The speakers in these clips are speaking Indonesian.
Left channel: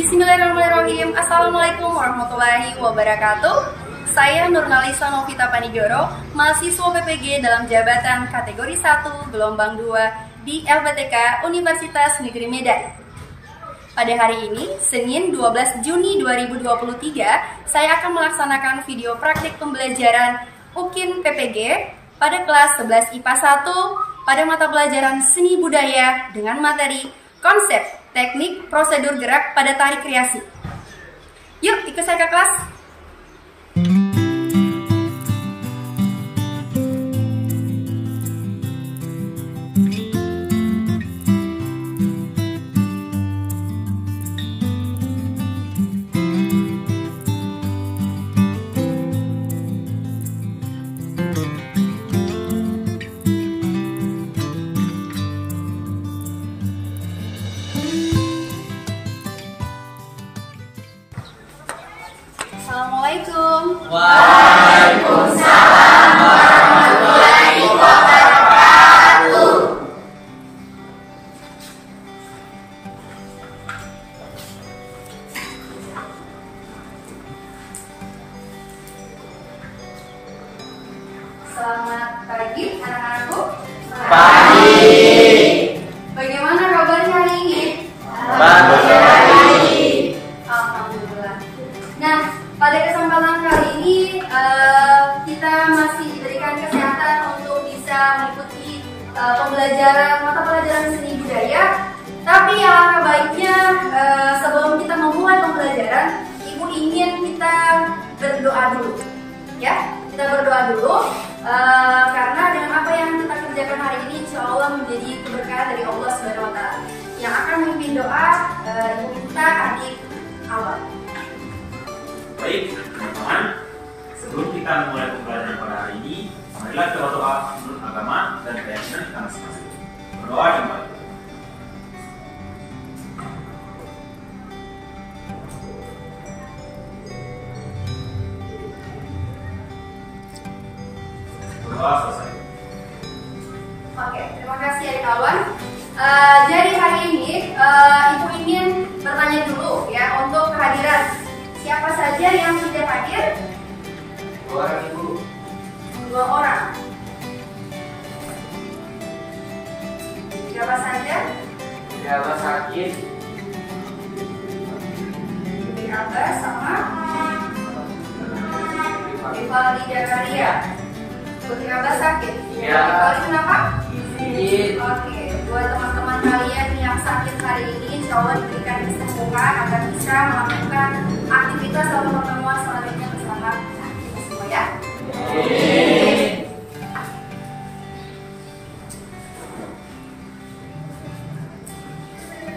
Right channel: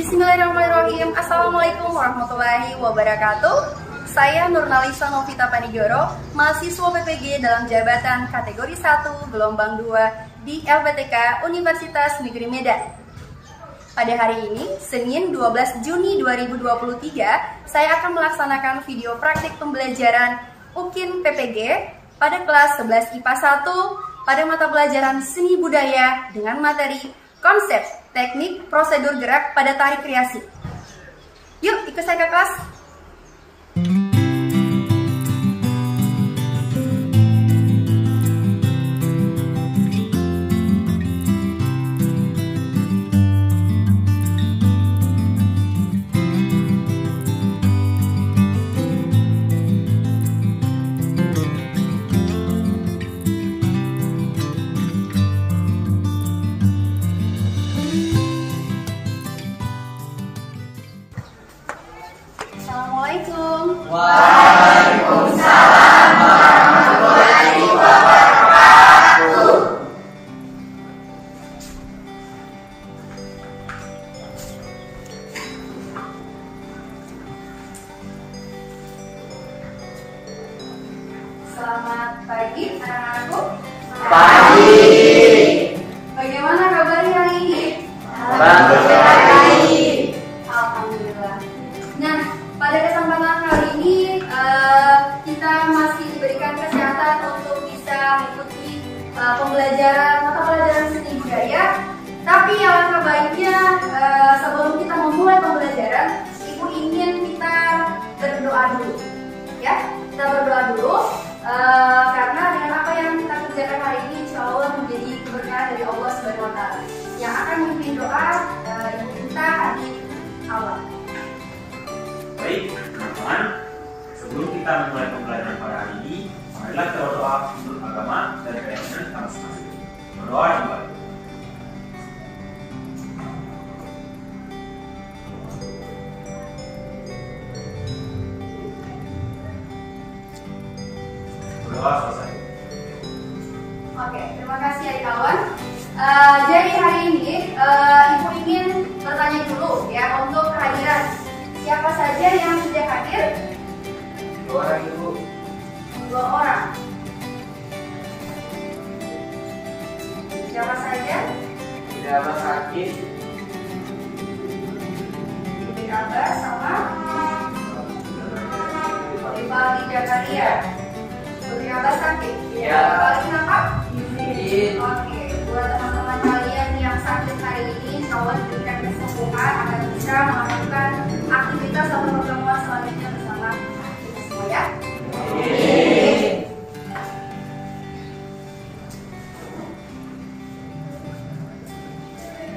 Bismillahirrahmanirrahim. Assalamualaikum warahmatullahi wabarakatuh. Saya Nurnalisa Novita Panigoro, mahasiswa PPG dalam jabatan kategori 1 gelombang 2 di LPTK Universitas Negeri Medan. Pada hari ini, Senin 12 Juni 2023, saya akan melaksanakan video praktik pembelajaran UKIN PPG pada kelas 11 IPA 1 pada mata pelajaran Seni Budaya dengan materi Konsep Teknik Prosedur Gerak pada Tari Kreasi. Yuk, ikut saya ke kelas. Assalamualaikum. Waalaikumsalam warahmatullahi wabarakatuh. Selamat pagi anak-anakku. Pagi. Bagaimana kabarnya hari ini? Bagus sekali. Alhamdulillah. Nah, pada kesempatan kali ini kita masih diberikan kesehatan untuk bisa mengikuti pembelajaran mata pelajaran seni budaya. Tapi alangkah baiknya sebelum kita memulai pembelajaran, Ibu ingin kita berdoa dulu, ya. Kita berdoa dulu karena dengan apa yang kita kerjakan hari ini, insya Allah menjadi keberkahan dari Allah Subhanahu Wa Taala. Yang akan memimpin doa Ibu kita adik awal. Baik, teman-teman, sebelum kita mulai pembelajaran pada hari ini, marilah kita berdoa menurut agama dan keyakinan kita masing-masing. Berdoa dimulai. Berdoa selesai. Oke, terima kasih adik kawan. Jadi hari ini Ibu ingin bertanya dulu ya untuk kehadiran. Siapa saja yang sudah hadir? 2 orang, Ibu. 2 orang. Siapa saja? Tidak Abah sakit. Ibu Abbas sama Rivaldi Jakaria. Putri Abbas sakit? Iya. Rivaldi kenapa? Izin. Oke, buat teman-teman kalian yang sakit hari ini, insya Allah diberikan kesembuhan agar bisa melakukan aktivitas atau pertemuan selanjutnya bersama kita semua ya.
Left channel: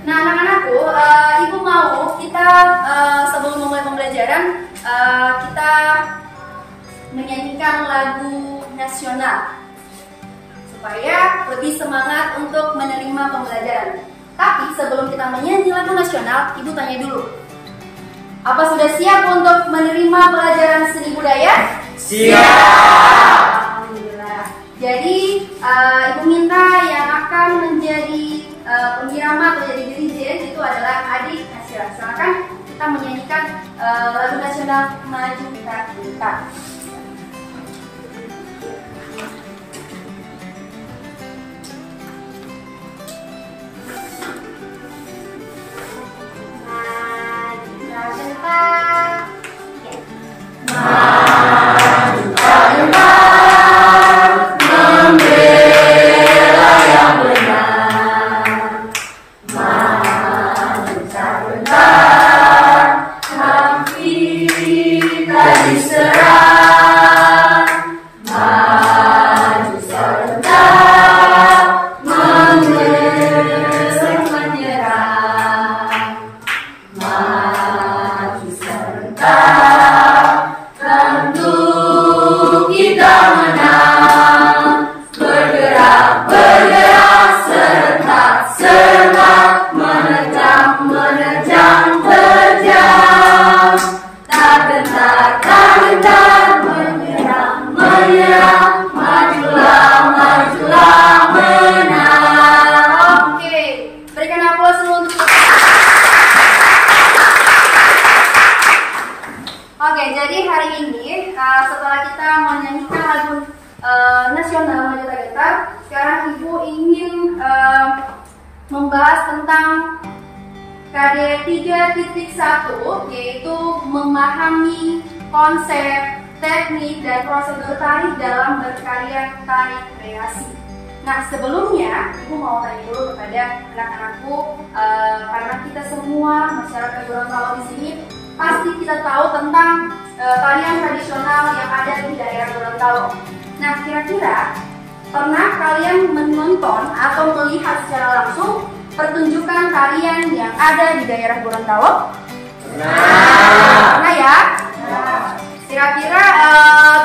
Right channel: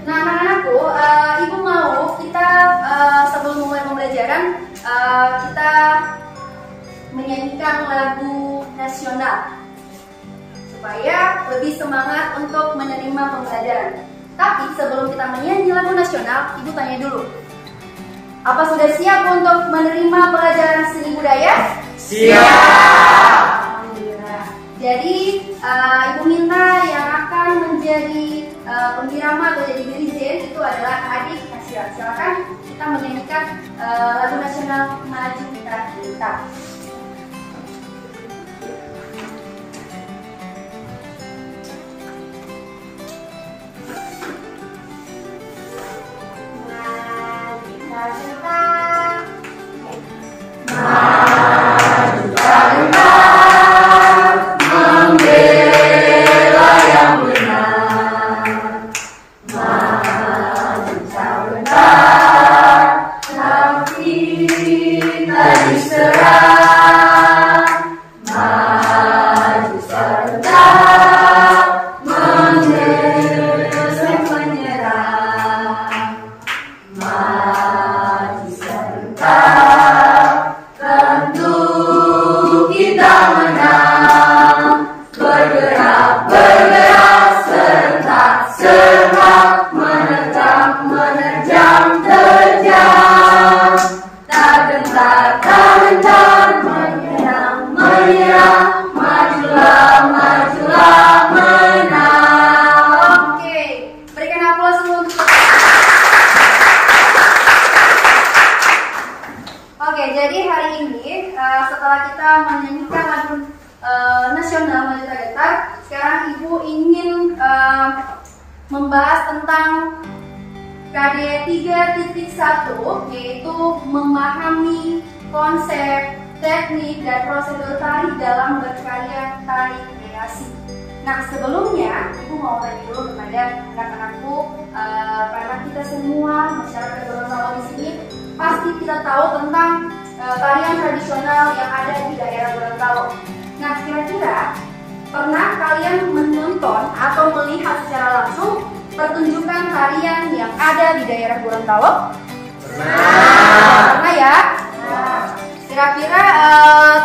Nah, anak-anakku, Ibu mau kita sebelum memulai pembelajaran kita menyanyikan lagu nasional supaya lebih semangat untuk menerima pembelajaran. Tapi sebelum kita menyanyi lagu nasional, Ibu tanya dulu. Apa sudah siap untuk menerima pelajaran seni budaya? Siap. Jadi Ibu minta yang akan menjadi pengirama atau jadi dirijen itu adalah adik Nasira. Silakan kita menyanyikan lagu nasional Maju Kita. Oke, jadi hari ini setelah kita menyanyikan lagu nasional Maju Kita, sekarang Ibu ingin membahas tentang KD 3.1, yaitu memahami konsep, teknik, dan prosedur tari dalam berkarya tari kreasi. Nah, sebelumnya Ibu mau tanya dulu kepada anak-anakku, karena kita semua masyarakat Gorontalo di sini pasti kita tahu tentang tarian tradisional yang ada di daerah Gorontalo. Nah, kira-kira pernah kalian menonton atau melihat secara langsung pertunjukan tarian yang ada di daerah Gorontalo? Pernah ya? Kira-kira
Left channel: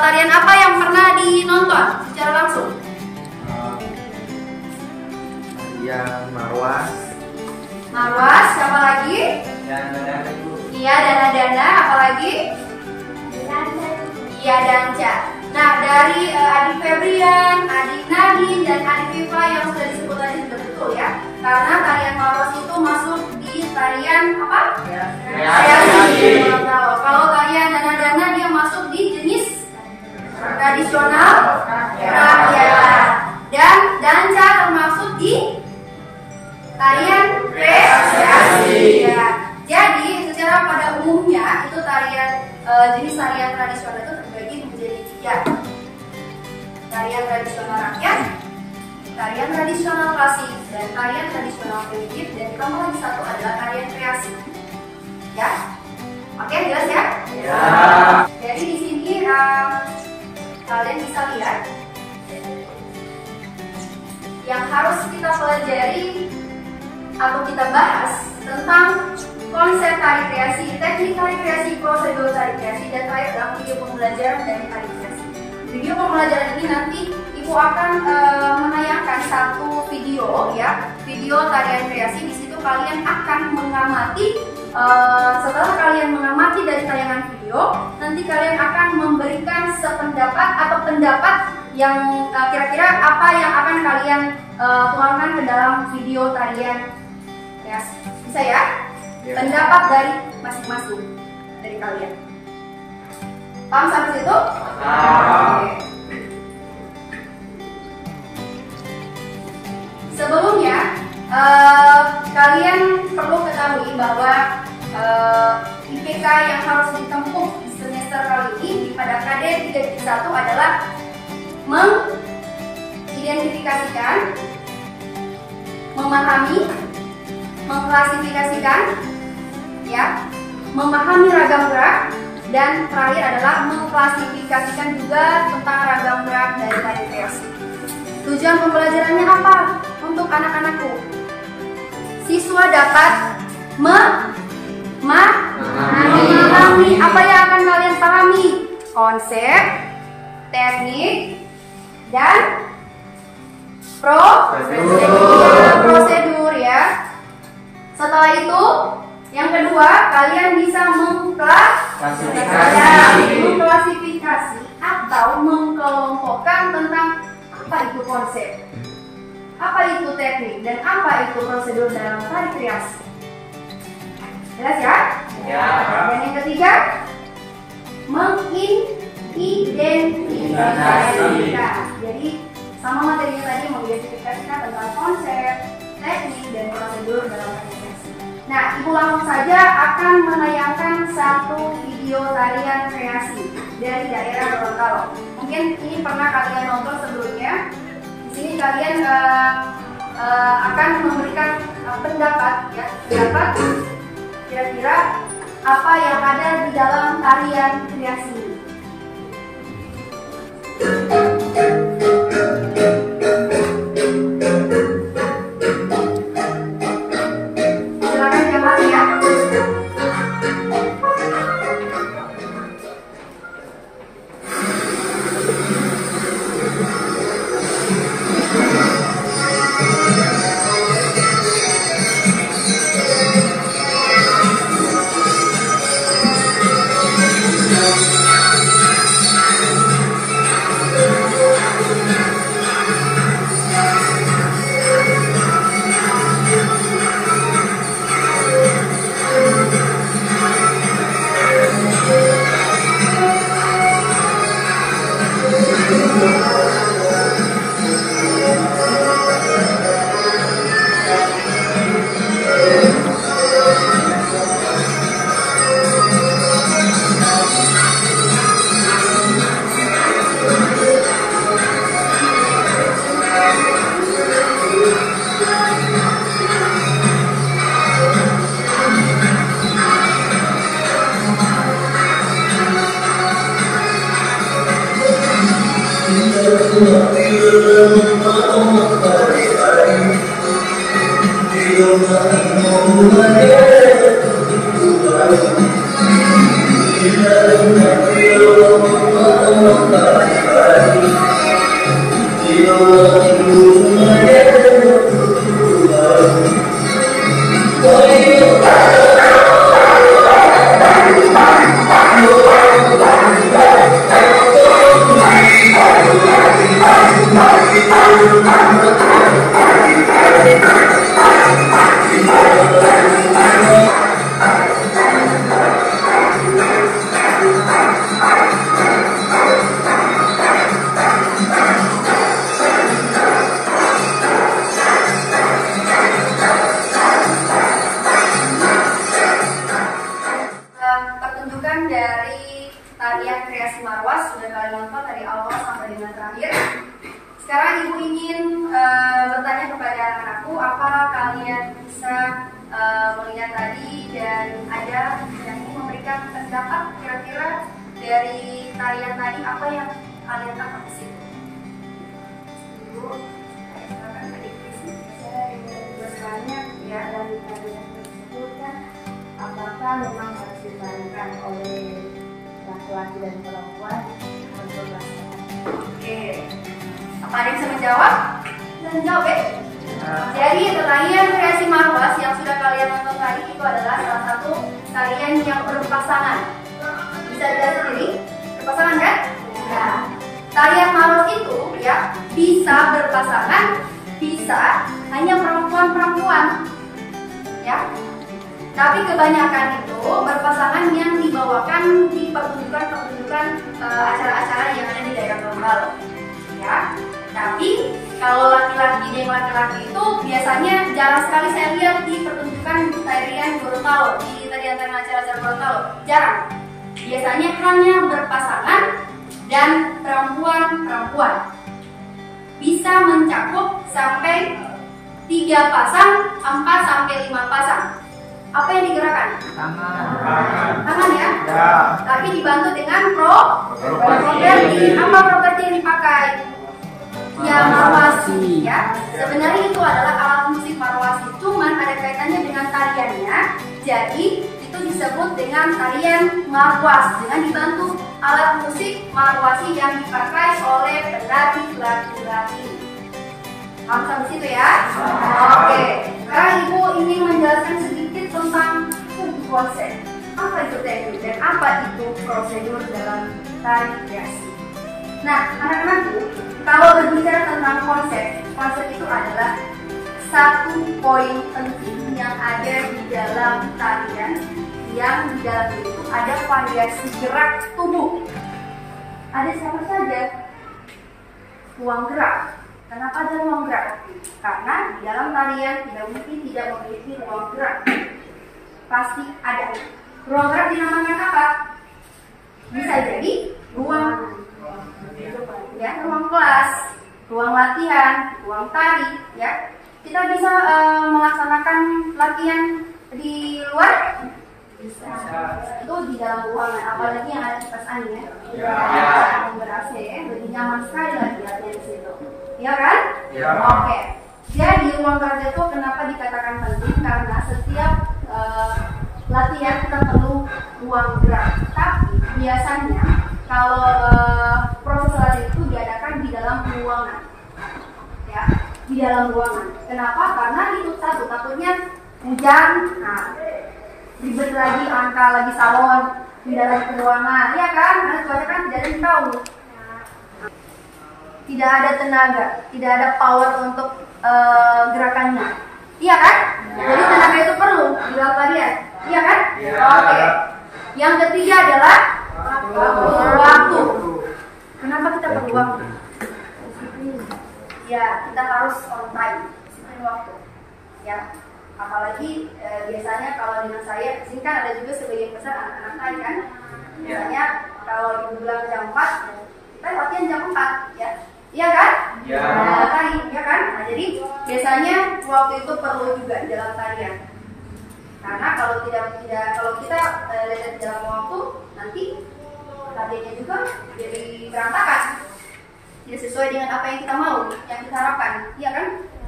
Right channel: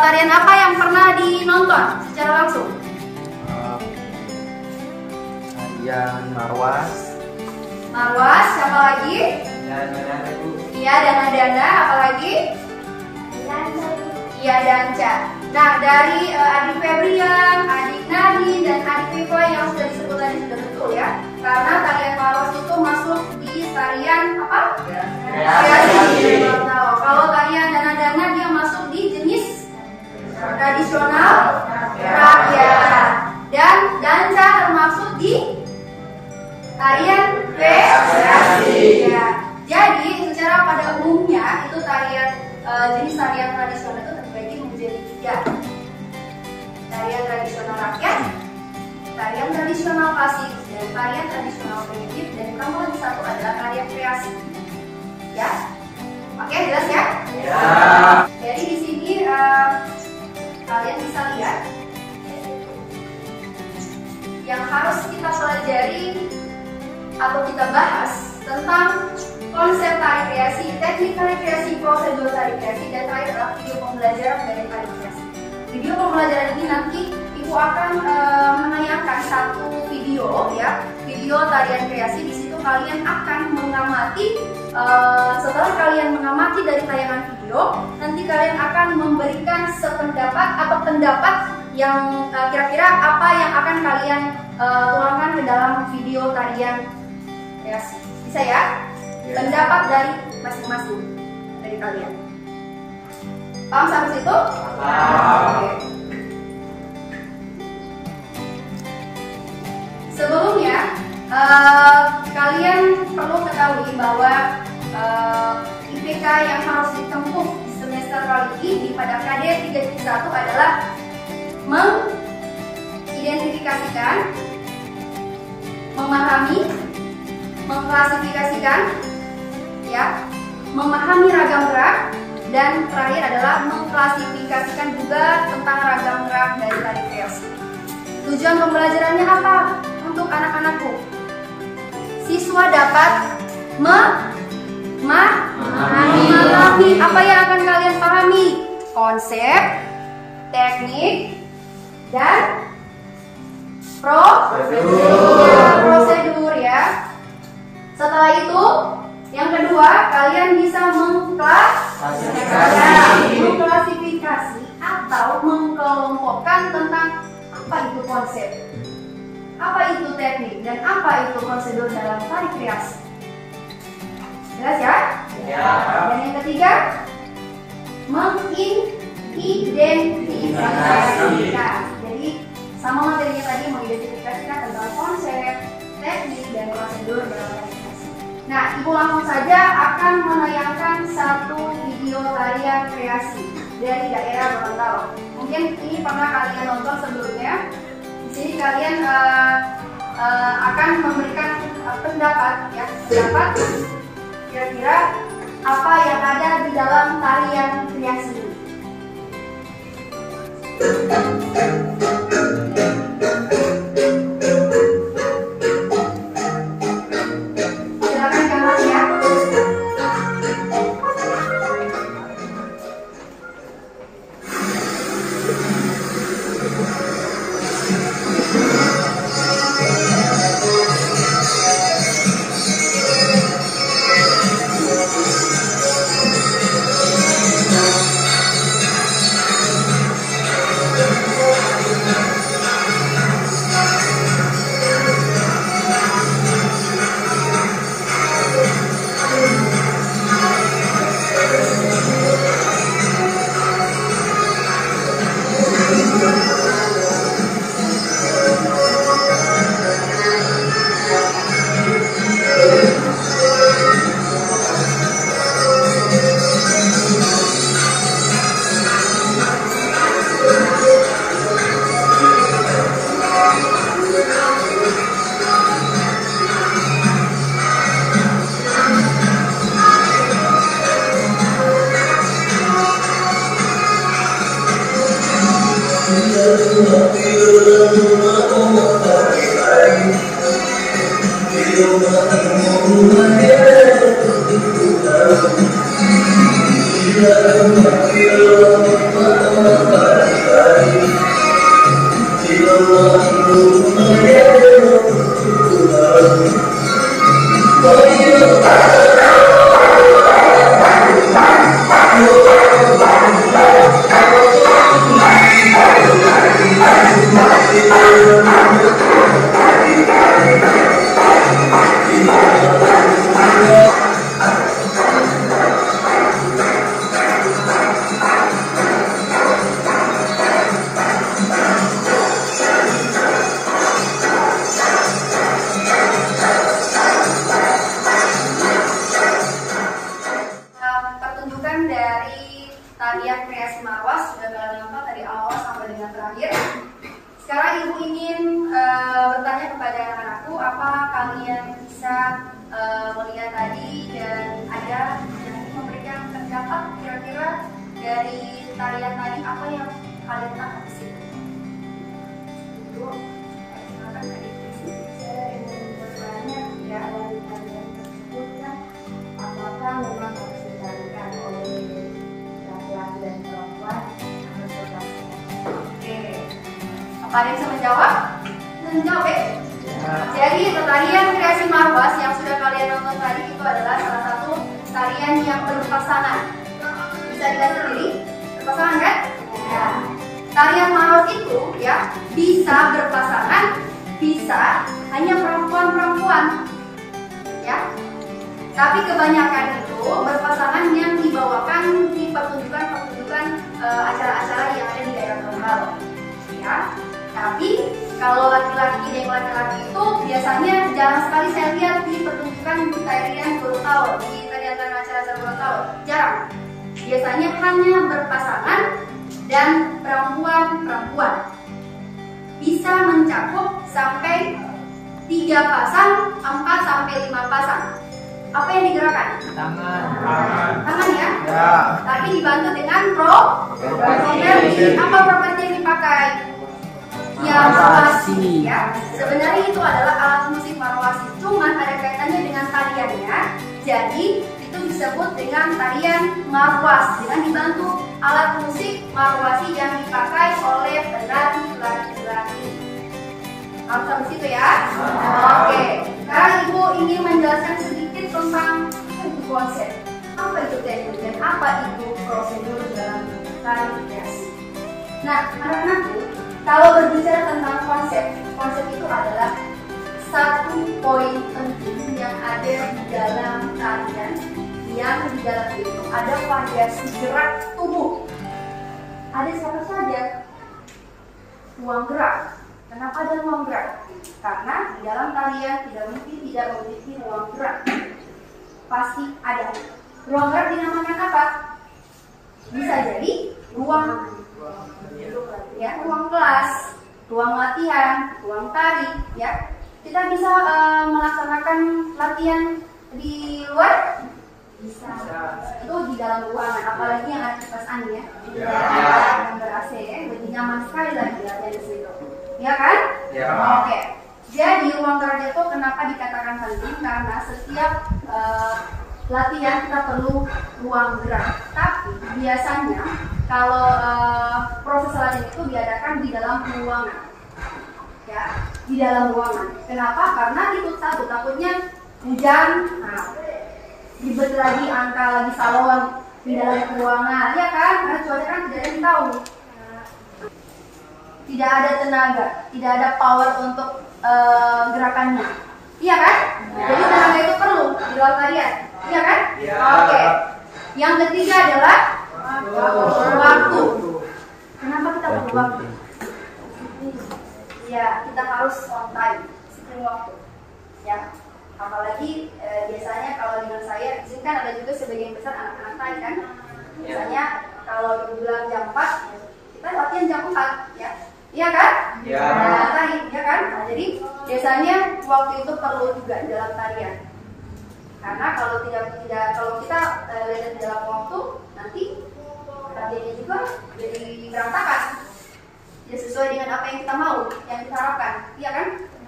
tarian apa yang pernah dinonton secara langsung? Yang Marwas. Marwas, siapa lagi? Iya, Dana, apalagi? Iya, Danca. Nah, dari adik Febrian, adik Nadine, dan adik Viva yang sudah disebut tadi sudah betul ya. Karena tarian Marwas itu masuk di tarian apa? Kreasi. Kalau tarian Dana dia masuk di jenis tradisional rakyat. Dan Danca termasuk di tarian kreasi. Ya. Jadi secara pada umumnya itu tarian jenis tarian tradisional itu terbagi menjadi 3. Tarian tradisional rakyat, tarian tradisional klasik, dan tarian tradisional primitif. Dan nomor 1 adalah tarian kreasi. Ya, oke, jelas ya? Ya. Jadi di sini kalian bisa lihat yang harus kita pelajari atau kita bahas tentang konsep tari kreasi, teknik tari kreasi, prosedur tari kreasi, dan terakhir adalah video pembelajaran dari tari kreasi. Video pembelajaran ini nanti Ibu akan menayangkan satu video ya, video tarian kreasi. Di situ kalian akan mengamati. Setelah kalian mengamati dari tayangan video, nanti kalian akan memberikan sependapat atau pendapat yang kira-kira apa yang akan kalian tuangkan ke dalam video tarian kreasi. Bisa ya? Pendapat dari masing-masing dari kalian. Paham sampai situ? Oke. Sebelumnya kalian perlu ketahui bahwa IPK yang harus ditempuh di semester kali ini pada KD 3.1 adalah mengidentifikasikan, memahami, mengklasifikasikan, ya, memahami ragam gerak, dan terakhir adalah mengklasifikasikan juga tentang ragam gerak dari tari kreasi. Tujuan pembelajarannya apa untuk anak-anakku? Siswa dapat memahami apa yang akan kalian pahami, konsep, teknik, dan prosedur ya. Setelah itu, yang kedua, kalian bisa mengklasifikasi atau mengkelompokkan tentang apa itu konsep, apa itu teknik, dan apa itu prosedur dalam tari kreasi. Jelas ya? Ya. Dan yang ketiga, mengidentifikasikan. Jadi sama materinya tadi, mengidentifikasikan tentang konsep, teknik, dan prosedur dalam tari kreasi. Nah, Ibu langsung saja akan menayangkan satu video tarian kreasi dari daerah Gorontalo. Mungkin ini pernah kalian nonton sebelumnya. Di sini kalian akan memberikan pendapat, ya, pendapat kira-kira apa yang ada di dalam tarian kreasi ini. Silakan jamaah ya. Pertunjukan dari tarian kreasi Marwas sudah kalian nonton dari awal sampai dengan terakhir. Sekarang Ibu ingin bertanya kepada anak-anakku, apa kalian bisa melihat tadi dan ada yang ingin memberikan pendapat kira-kira dari tarian tadi, apa yang kalian tangkap di sini? Ibu, silakan adik Krisi yang bertanya ya dari tarian tersebut kan, apakah memang harus ditarikan oleh laki-laki dan perempuan atau bebas? Oke, apa ada yang bisa menjawab? Bisa menjawab ya? Jadi tarian kreasi Marwas yang sudah kalian nonton tadi itu adalah salah satu tarian yang berpasangan. Bisa dilihat sendiri, berpasangan kan? Ya. Tarian Marwas itu ya bisa berpasangan, bisa hanya perempuan-perempuan, ya. Tapi kebanyakan itu berpasangan yang dibawakan di pertunjukan-pertunjukan acara-acara yang ada di daerah Gorontalo, ya. Tapi kalau laki-laki dan laki-laki itu biasanya jarang sekali saya lihat di pertunjukan tarian Gorontalo, di tarian acara-acara Gorontalo, jarang. Biasanya hanya berpasangan dan perempuan-perempuan. Bisa mencakup sampai 3 pasang, 4 sampai 5 pasang. Apa yang digerakkan? Tangan ya? Ya. Tapi dibantu dengan properti. Apa properti yang dipakai? Ya, marwasi ya. Sebenarnya itu adalah alat musik marwasi, cuman ada kaitannya dengan tariannya. Jadi itu disebut dengan tarian marwas dengan dibantu alat musik marwasi yang dipakai oleh penari laki-laki. Harus sampai situ ya? Oke. Sekarang Ibu ingin menjelaskan sedikit tentang konsep, apa itu teknik dan apa itu prosedur dalam tari kreasi. Nah, anak-anakku, Kalau berbicara tentang konsep, konsep itu adalah satu poin penting yang ada di dalam tarian, yang di dalam itu ada variasi gerak tubuh. Ada siapa saja? Ruang gerak. Kenapa ada ruang gerak? Karena di dalam tarian tidak mungkin tidak memiliki ruang gerak. Pasti ada. Ruang gerak dinamakan apa? Bisa jadi ruang ruang kelas, ruang latihan, ruang tari, ya. Kita bisa melaksanakan latihan di luar. Bisa. Itu di dalam ruangan, apalagi yang ada kipas angin ya. Yang ber-AC ya, lebih nyaman sekali lagi latihan di situ. Ya kan? Ya. Oke. Jadi ruang gerak itu kenapa dikatakan penting? Karena setiap latihan kita perlu ruang gerak. Tapi biasanya kalau proses latihan itu diadakan di dalam ruangan. Ya, di dalam ruangan. Kenapa? Karena itu satu, takutnya hujan. Nah, ribet lagi, angka lagi salon di dalam ruangan, ya kan? Karena cuaca kan tidak ada yang tahu. Tidak ada tenaga, tidak ada power untuk gerakannya, iya kan? Jadi tenaga itu perlu di dalam tarian, iya kan? Oke. Yang ketiga adalah waktu. Kenapa kita perlu waktu? Ya, kita harus on time, disiplin waktu, ya. Apalagi biasanya kalau dengan saya, di sini kan ada juga sebagian besar anak-anak tari kan. Biasanya kalau ibu bilang jam 4, kita latihan jam 4, ya. Iya kan? Ya. Tari, ya kan? Nah, jadi biasanya waktu itu perlu juga di dalam tarian. Karena kalau kalau kita lihat di dalam waktu, nanti latihannya juga jadi berantakan. Tidak sesuai dengan apa yang kita mau, yang kita harapkan, iya kan?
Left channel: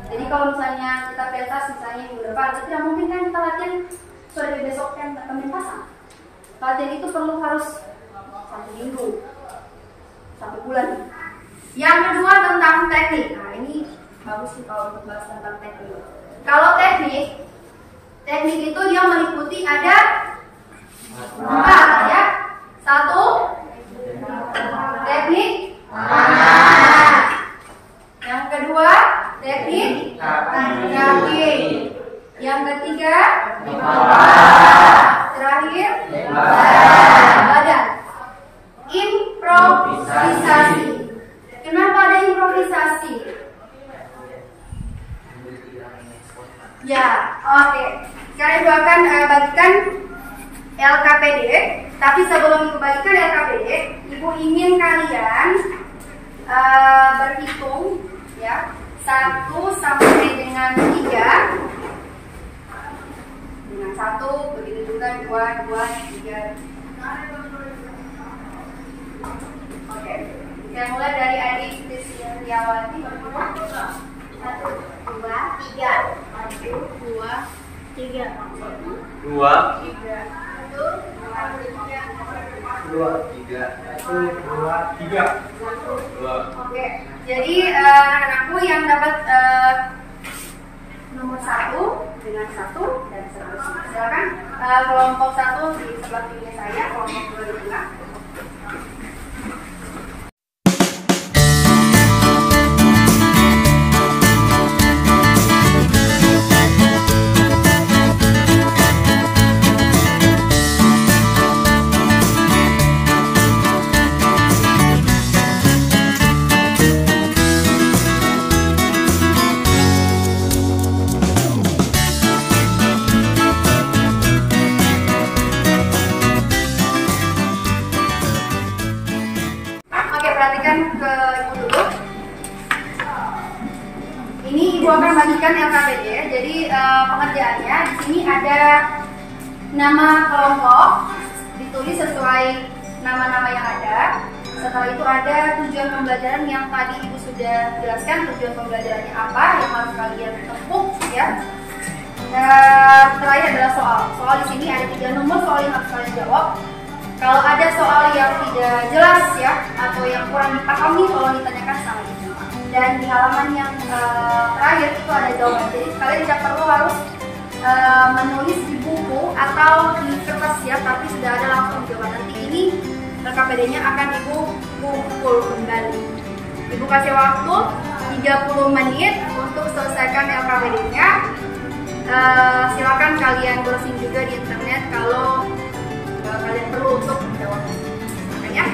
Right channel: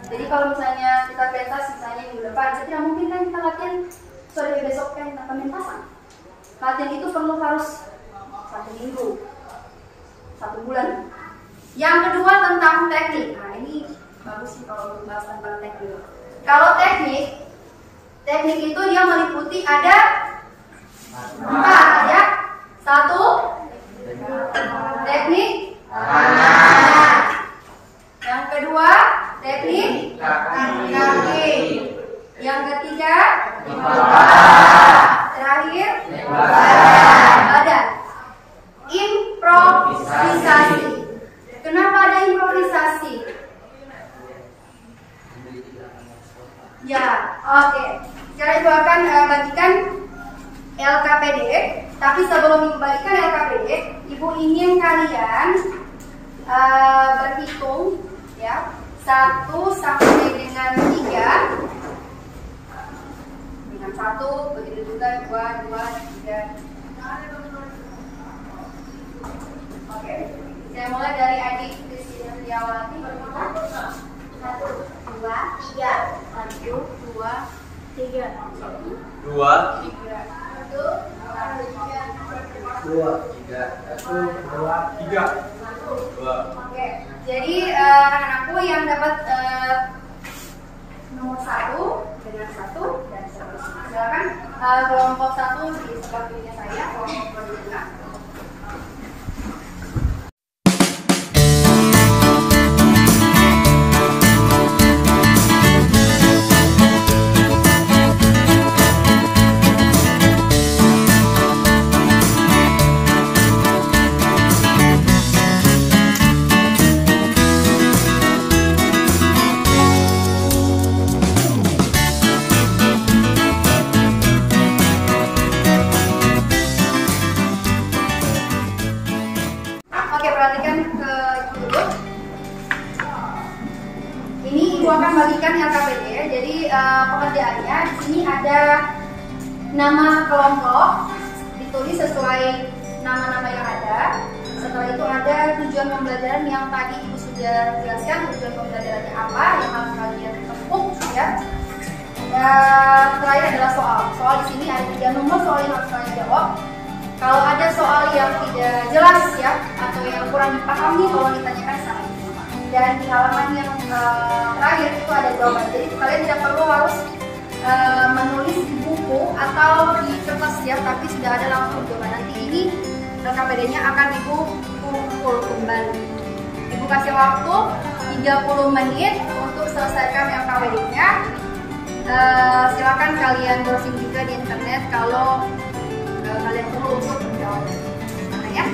Jadi kalau misalnya kita pentas misalnya minggu depan, tidak mungkin kan kita latihan sore besok kan pementasan. Latihan itu perlu harus 1 minggu, 1 bulan. Yang kedua tentang teknik. Nah ini bagus sih kalau untuk bahas tentang teknik. Kalau teknik itu dia meliputi ada 4 ya. 1 teknik tangan. Yang kedua teknik kaki. Yang ketiga terakhir badan. Improvisasi. Kenapa ada improvisasi? Ya, oke. Sekarang Ibu akan bagikan LKPD. Tapi sebelum Ibu bagikan LKPD, Ibu ingin kalian berhitung ya 1 sampai dengan 3. Dengan 1, begitu juga 2, 3. Oke. Kita mulai dari adik Tiawati berhitung 1, 2, 3. 1, 2, 3. 2, 3. 1, 2, 3. 3. Oke, jadi anak-anakku yang dapat nomor 1 dengan 1 dan seterusnya. Silakan kelompok 1 di sebelah kiri saya, kelompok 2 di tengah. Ini Ibu akan bagikan LKPD. Jadi pengerjaannya di sini ada nama kelompok, ditulis sesuai nama-nama yang ada. Setelah itu ada tujuan pembelajaran yang tadi Ibu sudah jelaskan tujuan pembelajarannya apa yang harus kalian tempuh ya. Terakhir adalah soal. Soal di sini ada 3 nomor soal yang harus kalian jawab. Kalau ada soal yang tidak jelas ya atau yang kurang dipahami, tolong ditanyakan sama Ibu. Dan di halaman yang terakhir itu ada jawaban. Jadi kalian tidak perlu harus menulis di buku atau di kertas ya, tapi sudah ada langsung jawaban. Nanti ini LKPD-nya akan Ibu kumpul kembali. Ibu kasih waktu 30 menit untuk selesaikan LKPD-nya. Silakan kalian browsing juga di internet kalau kalian perlu untuk menjawab. Ya.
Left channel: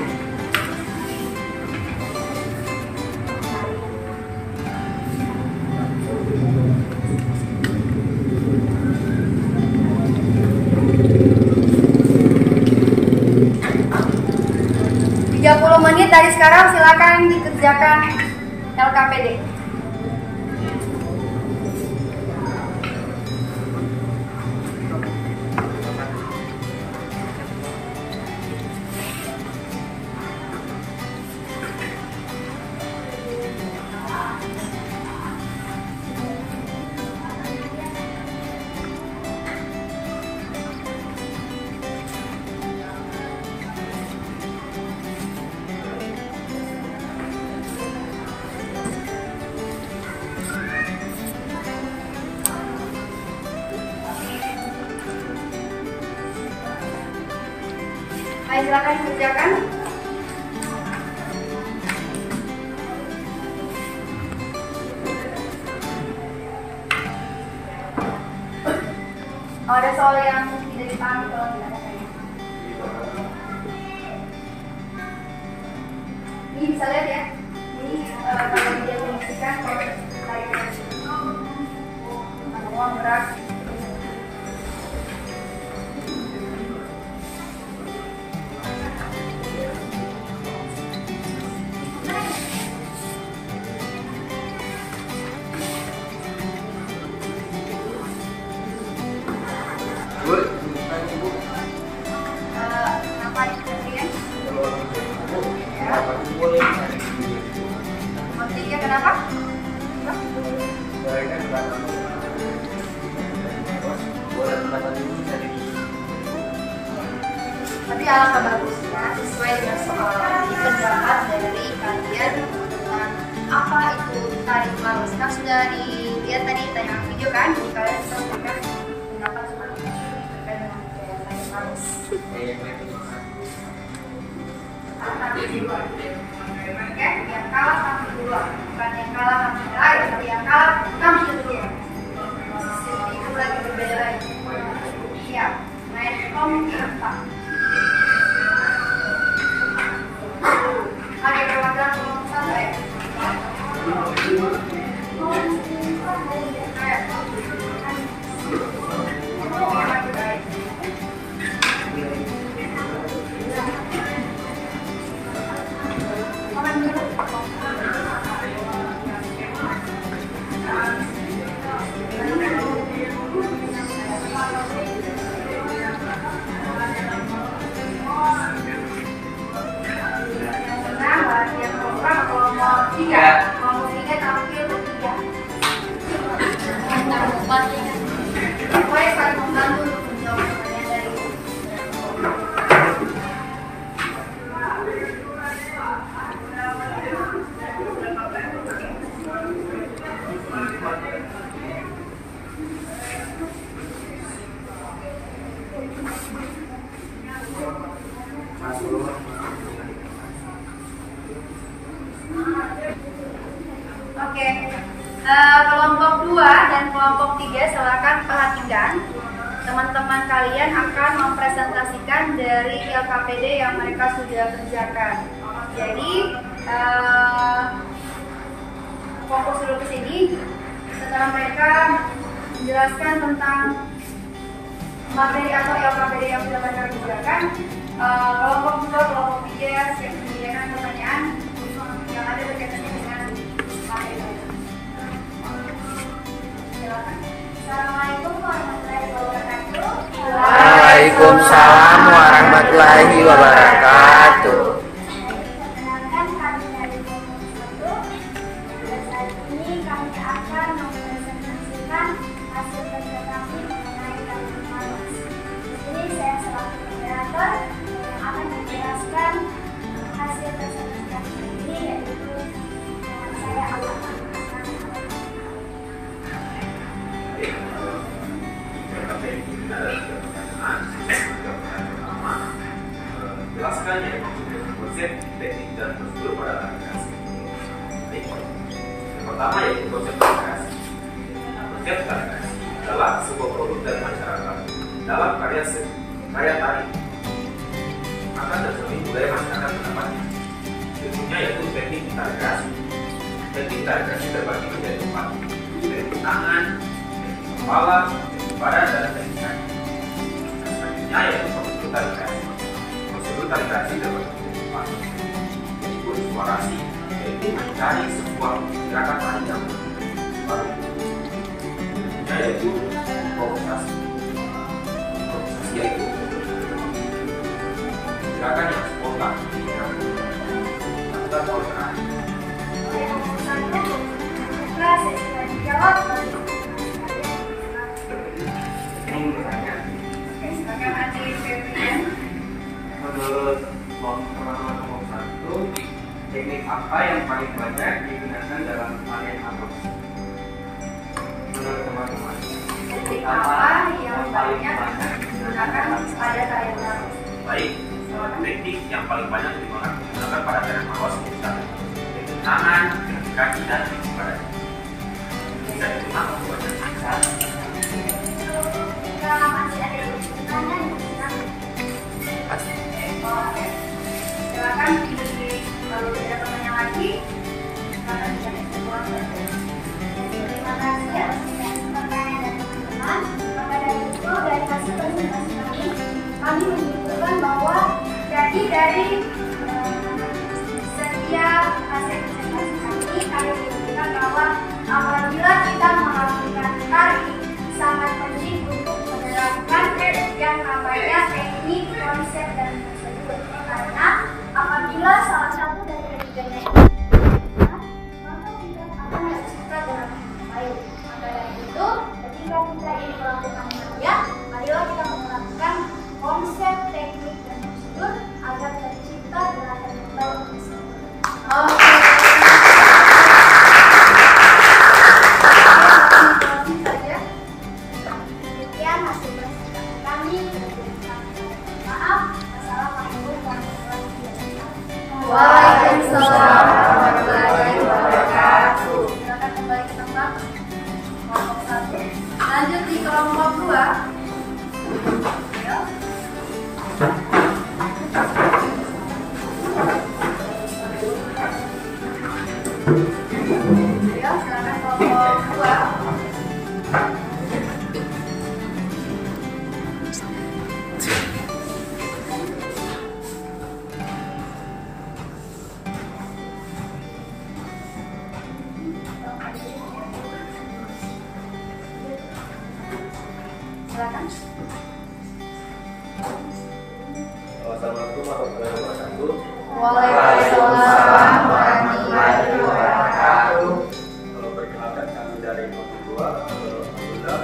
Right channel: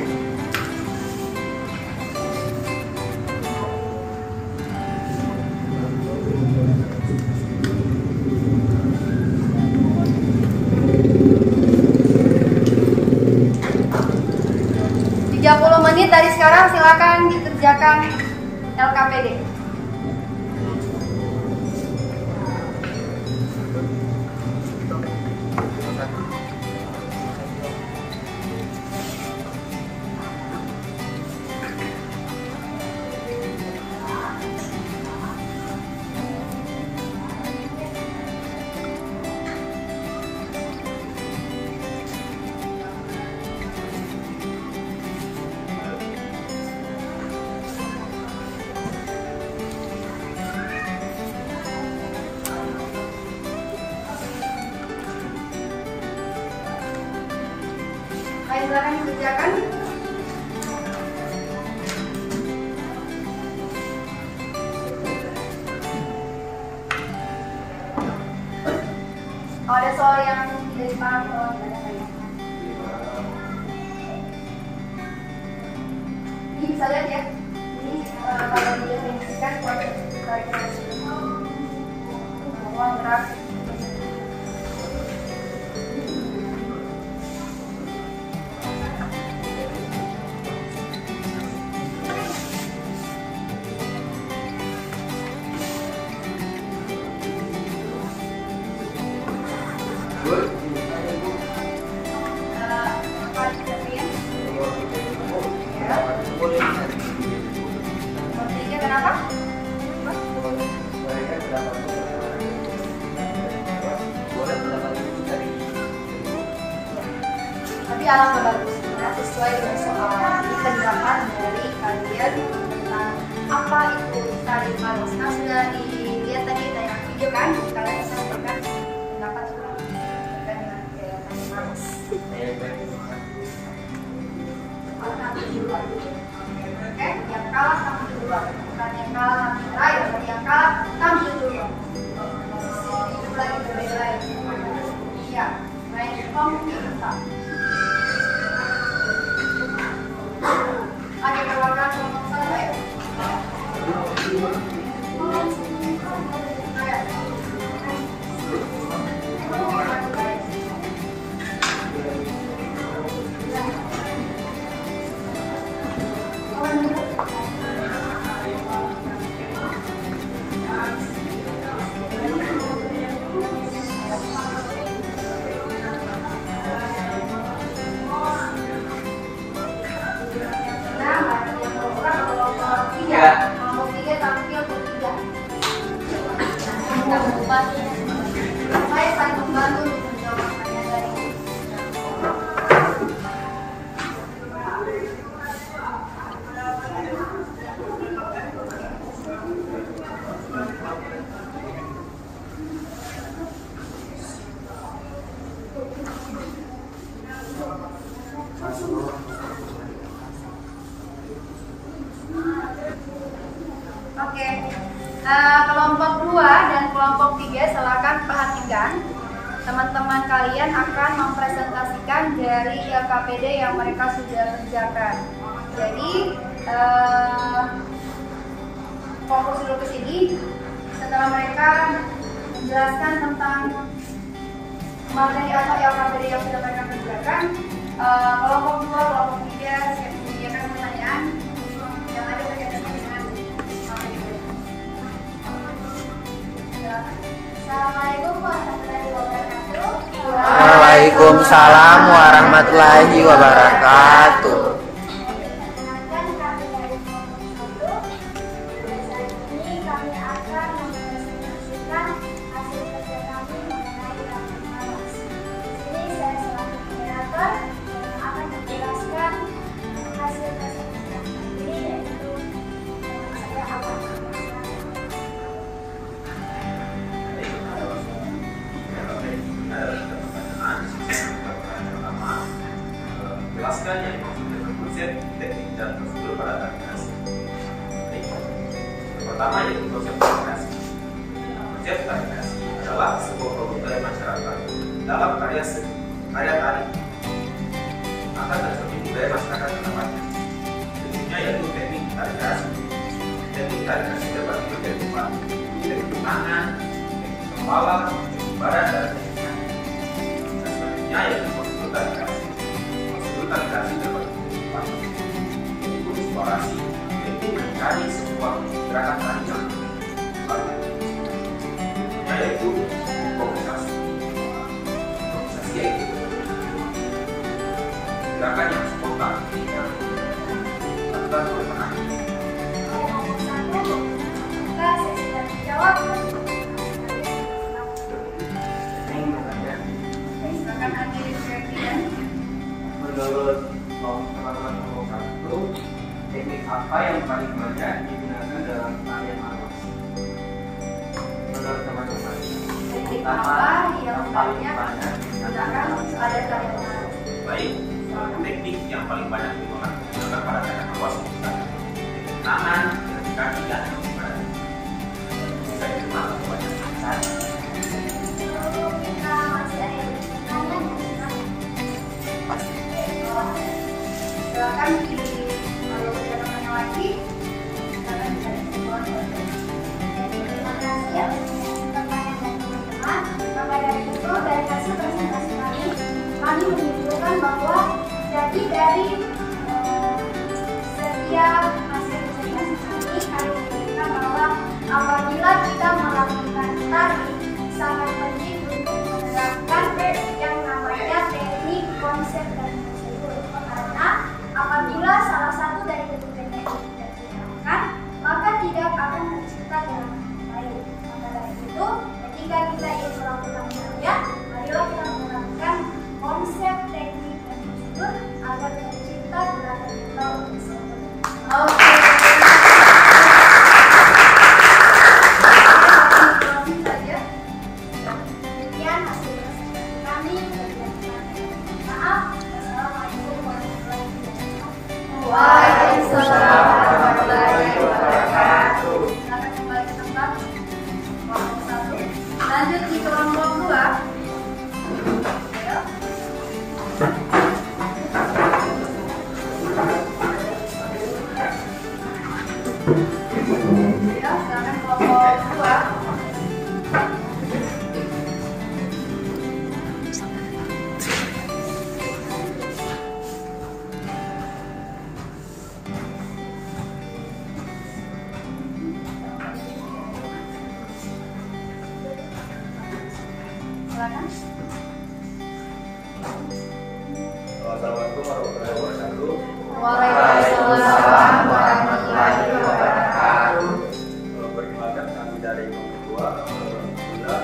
Menit dari sekarang silakan dikerjakan LKPD. Silakan kerjakan. Ada soal yang tidak dipahami kalau tidak ada kayaknya. Ini bisa lihat ya. Ini kalau dia menyaksikan proses kalkulasi uang berat. Alangkah bagusnya sesuai dengan soal pendapat dari kalian tentang apa itu tarik arus. Nah, sudah dilihat tadi tayangan video kan? Jadi kalian bisa memberikan pendapat tentang tarik arus. Oke, yang kalah tampil duluan, bukan yang kalah tampil akhir, tapi yang kalah tampil duluan. Itu lagi berbeda lagi. Ya, naik komputer. Ada program sama ya? Oke, kelompok 2 dan kelompok 3 silakan perhatikan. Teman-teman kalian akan mempresentasikan dari LKPD yang mereka sudah kerjakan. Jadi fokus dulu ke sini. Setelah mereka menjelaskan tentang materi atau LKPD yang sudah mereka kerjakan, kelompok 2, kelompok 3 siap menyediakan pertanyaan yang ada berkaitan dengan materi mereka. Assalamualaikum warahmatullahi wabarakatuh. Waalaikumsalam warahmatullahi wabarakatuh. Perkenalkan, kami dari kelompok 1. Saat ini kami akan mempresentasikan hasil kerja kami mengenai elemen arus. Ini saya selaku moderator yang akan menjelaskan hasil presentasi kami ini, yaitu teman saya Alhamdulillah. Jelaskan yang konsep, teknik dan prosedur pada aplikasi. pertama yaitu konsep tari kreasi. Konsep tari kreasi adalah sebuah produk dari masyarakat dalam karya tari. Maka tercermin budaya masyarakat setempat. Bentuknya yaitu teknik tari kreasi. Teknik tari kreasi terbagi menjadi 4: teknik tangan, teknik kepala, teknik badan, dan teknik kaki. Dan selanjutnya yaitu prosedur tari kreasi. Prosedur tari kreasi terbagi menjadi 4: yaitu eksplorasi, yaitu mencari sebuah gerakan tari yang baru. Berikutnya yaitu improvisasi. Improvisasi yaitu gerakan yang spontan dilakukan oleh penari. Menurut teman-teman kelompok 1, teknik apa yang paling banyak digunakan dalam tarian maros? Menurut teman-teman, Teknik apa yang banyak digunakan pada tarian maros? Baik, teknik yang paling banyak digunakan pada tarian maros adalah teknik tangan, teknik kaki, dan teknik badan. Bisa digunakan banyak. Kita masih ada yang bertanya Silakan kalau tidak ada pertanyaan lagi, silakan bisa dijawab. Terima kasih atas pertanyaan dari teman-teman. Maka dari itu, dari hasil presentasi kami menunjukkan bahwa jadi dari setiap hasil presentasi kami menunjukkan bahwa apabila kita melakukan tari sangat penting untuk menerapkan yang namanya teknik, konsep, dan prosedur. Karena apabila salah satu dari ketiganya ini dilakukan, maka tidak akan tercipta dalam baik. Maka dari itu, ketika kita ingin melakukan tarian, marilah kita melakukan konsep, teknik, dan prosedur agar tercipta gerakan yang baik tersebut. Oke. Demikian hasil presentasi kami. Maaf. Wassalamualaikum warahmatullahi wabarakatuh. Waalaikumsalam warahmatullahi wabarakatuh. Silakan kembali ke tempat. Kelompok 1. Lanjut di kelompok 2. Ayo. Ya, silakan kelompok 2. Silakan. Assalamualaikum warahmatullahi wabarakatuh. Waalaikumsalam warahmatullahi wabarakatuh. Perkenalkan kami dari kelompok 2. Alhamdulillah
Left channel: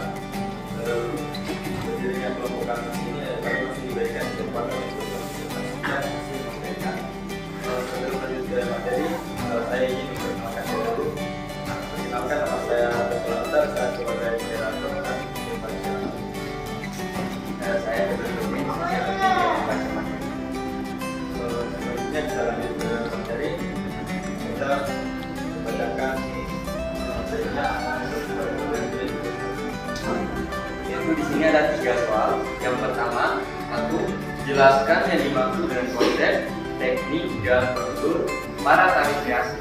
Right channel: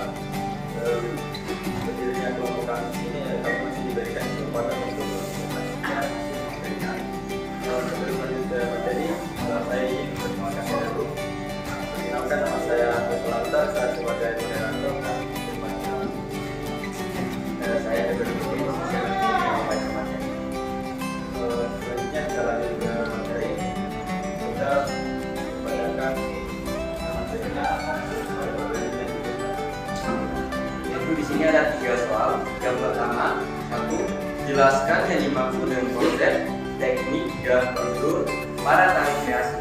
berdirinya kelompok kami ini kami masih diberikan kesempatan untuk mempresentasikan hasil materi. Sebelum lanjut ke materi, saya ingin memperkenalkan diri dulu. Perkenalkan, nama saya Dr. saya sebagai moderator dan berpanitia. Saya berpikir yang membaca materi. Selanjutnya kita lanjut ke materi. Kita bacakan materinya. Yaitu di sini ada 3 soal. Yang pertama, 1. Jelaskan yang dimaksud dengan konsep, teknik, dan prosedur pada tari kreasi.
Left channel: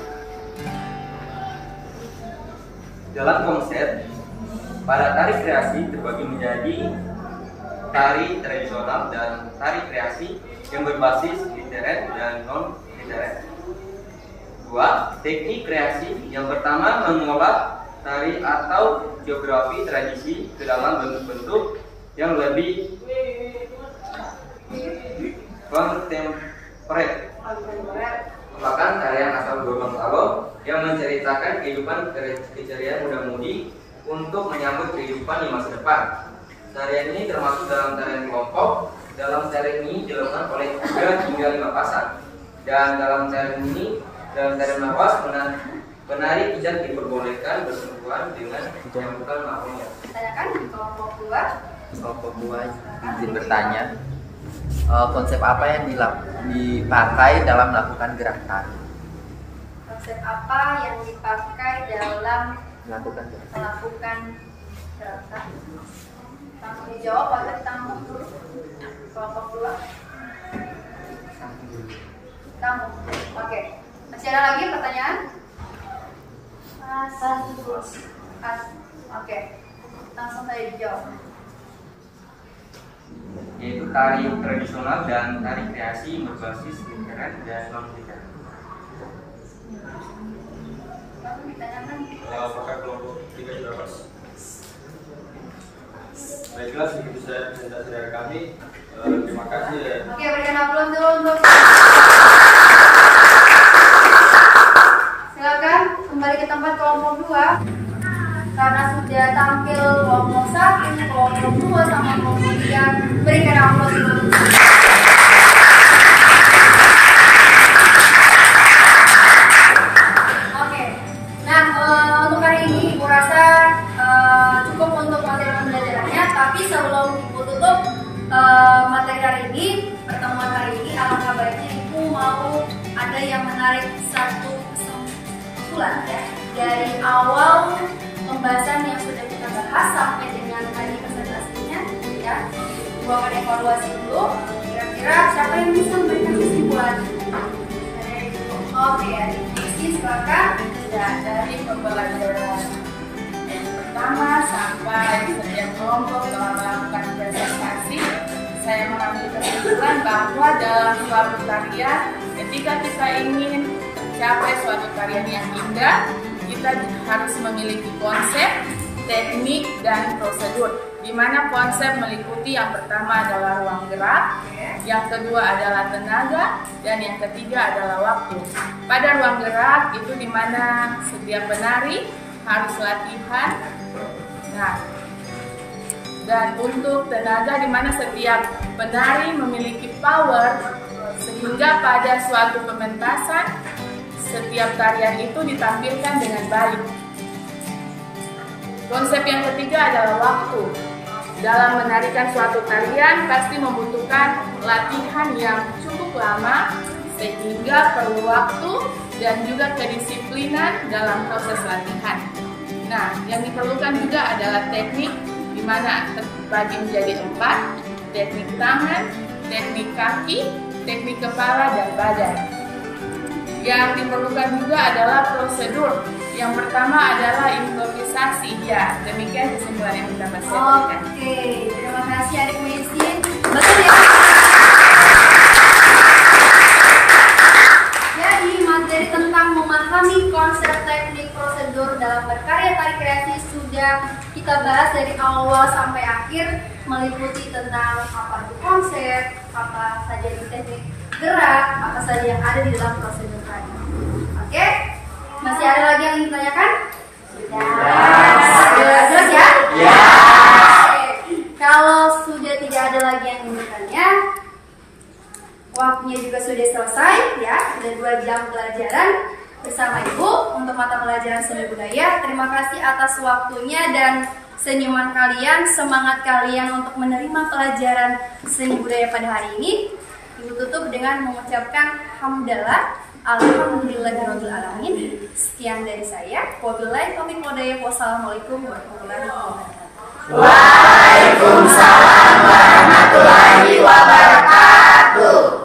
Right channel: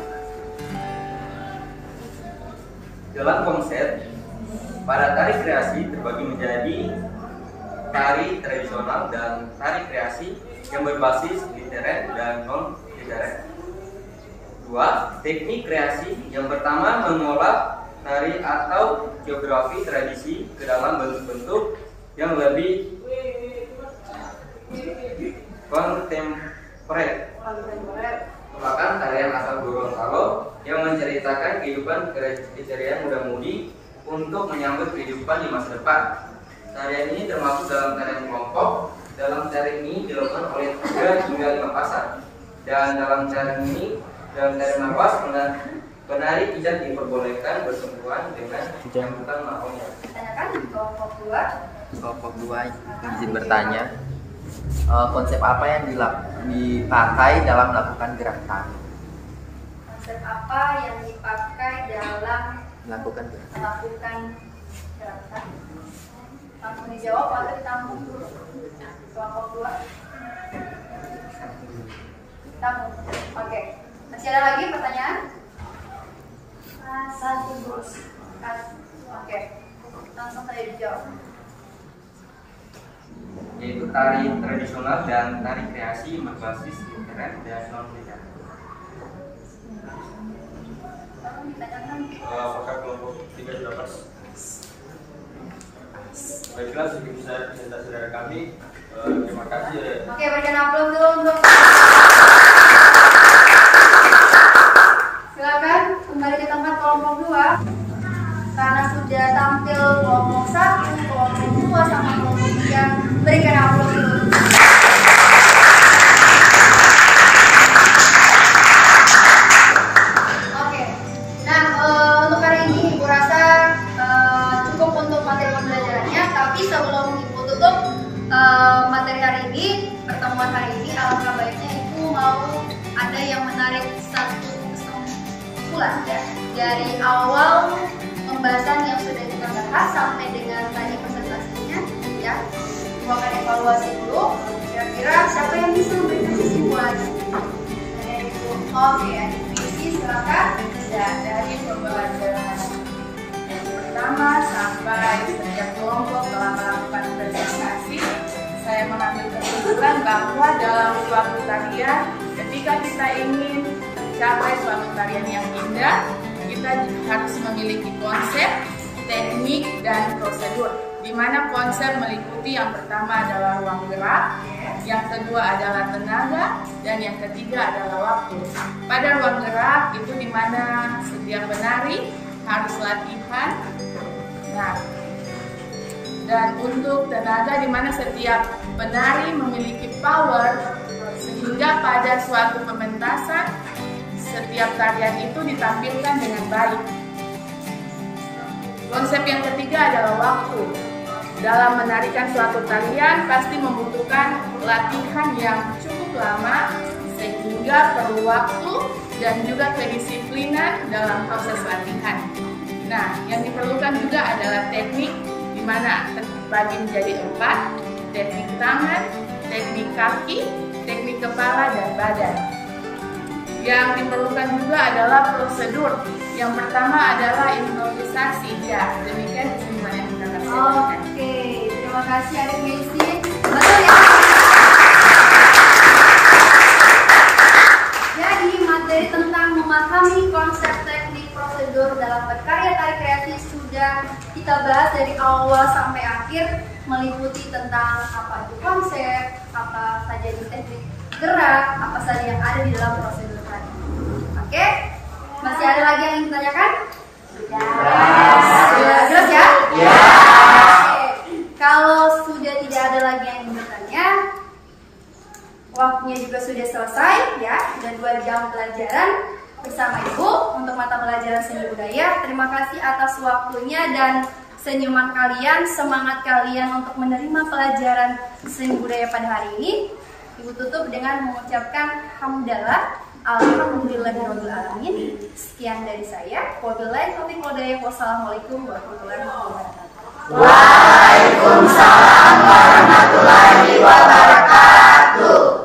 Dalam konsep, pada tari kreasi terbagi menjadi tari tradisional dan tari kreasi yang berbasis literet dan non-literet. 2. Teknik kreasi. Yang pertama, mengolah tari atau geografi tradisi ke dalam bentuk-bentuk yang lebih kontemporer. Merupakan tarian asal Gorontalo yang menceritakan kehidupan keceriaan muda-mudi untuk menyambut kehidupan di masa depan. Tarian ini termasuk dalam tarian kelompok. Dalam tarian ini dilakukan oleh 3 hingga 5 pasang. Dan dalam tarian nafas, penari tidak diperbolehkan bersentuhan dengan yang bukan makhluknya. Tanyakan kelompok 2. Kelompok 2 izin bertanya, konsep apa yang dipakai dalam melakukan gerak tari? Konsep apa yang dipakai dalam Melakukan gerakan? Langsung dijawab atau ditampung dulu? Kelompok 2. Tampung. Oke. Masih ada lagi pertanyaan? Oke. Langsung saja dijawab. Yaitu tari tradisional dan tari kreasi berbasis literat dan non literat. Langsung ditanyakan. Apakah kelompok 3 sudah pas? Baiklah, segitu saja presentasi dari kami. Terima kasih. Oke, berikan aplaus dulu untuk. Silakan kembali ke tempat kelompok 2. Karena sudah tampil kelompok 1, kelompok 2 sama kelompok 3, berikan aplaus dulu. Oke. Nah, untuk hari ini Ibu rasa cukup untuk materi pembelajarannya, tapi sebelum Ibu tutup materi hari ini, pertemuan hari ini, alangkah baiknya Ibu mau ada yang menarik satu kesimpulan ya dari awal pembahasan yang sudah kita bahas sampai dengan tadi presentasinya ya. Ibu akan evaluasi dulu, kira-kira siapa yang bisa memberikan kesimpulan? Oke, Diksi silakan. Ya, dari pembelajaran yang pertama sampai setiap kelompok telah melakukan presentasi, saya mengambil kesimpulan bahwa dalam suatu tarian, ketika kita ingin mencapai suatu tarian yang indah, kita harus memiliki konsep, teknik, dan prosedur. Di mana konsep meliputi yang pertama adalah ruang gerak, yang kedua adalah tenaga, dan yang ketiga adalah waktu. Pada ruang gerak itu di mana setiap penari harus latihan. Nah, dan untuk tenaga di mana setiap penari memiliki power sehingga pada suatu pementasan setiap tarian itu ditampilkan dengan baik. Konsep yang ketiga adalah waktu. Dalam menarikan suatu tarian pasti membutuhkan latihan yang cukup lama sehingga perlu waktu dan juga kedisiplinan dalam proses latihan. Nah, yang diperlukan juga adalah teknik di mana terbagi menjadi 4, teknik tangan, teknik kaki, teknik kepala, dan badan. Yang diperlukan juga adalah prosedur. Yang pertama adalah improvisasi. Ya, demikian kesimpulan yang bisa saya berikan. Oke, terima kasih Adik Messi. Betul ya? Jadi materi tentang memahami konsep teknik prosedur dalam berkarya tari kreasi sudah kita bahas dari awal sampai akhir, meliputi tentang apa itu konsep, apa saja di teknik gerak, apa saja yang ada di dalam prosedur tadi. Oke? Masih ada lagi yang ingin ditanyakan? Sudah jelas ya? Ya. Oke. Kalau sudah tidak ada lagi yang ingin bertanya, waktunya juga sudah selesai ya. Sudah 2 jam pelajaran bersama Ibu untuk mata pelajaran seni budaya. Terima kasih atas waktunya dan senyuman kalian, semangat kalian untuk menerima pelajaran seni budaya pada hari ini. Ibu tutup dengan mengucapkan hamdalah. Alhamdulillahirabbil alamin. Sekian dari saya. Wabillahi taufiq wal hidayah. Wassalamualaikum warahmatullahi wabarakatuh. Waalaikumsalam warahmatullahi wabarakatuh.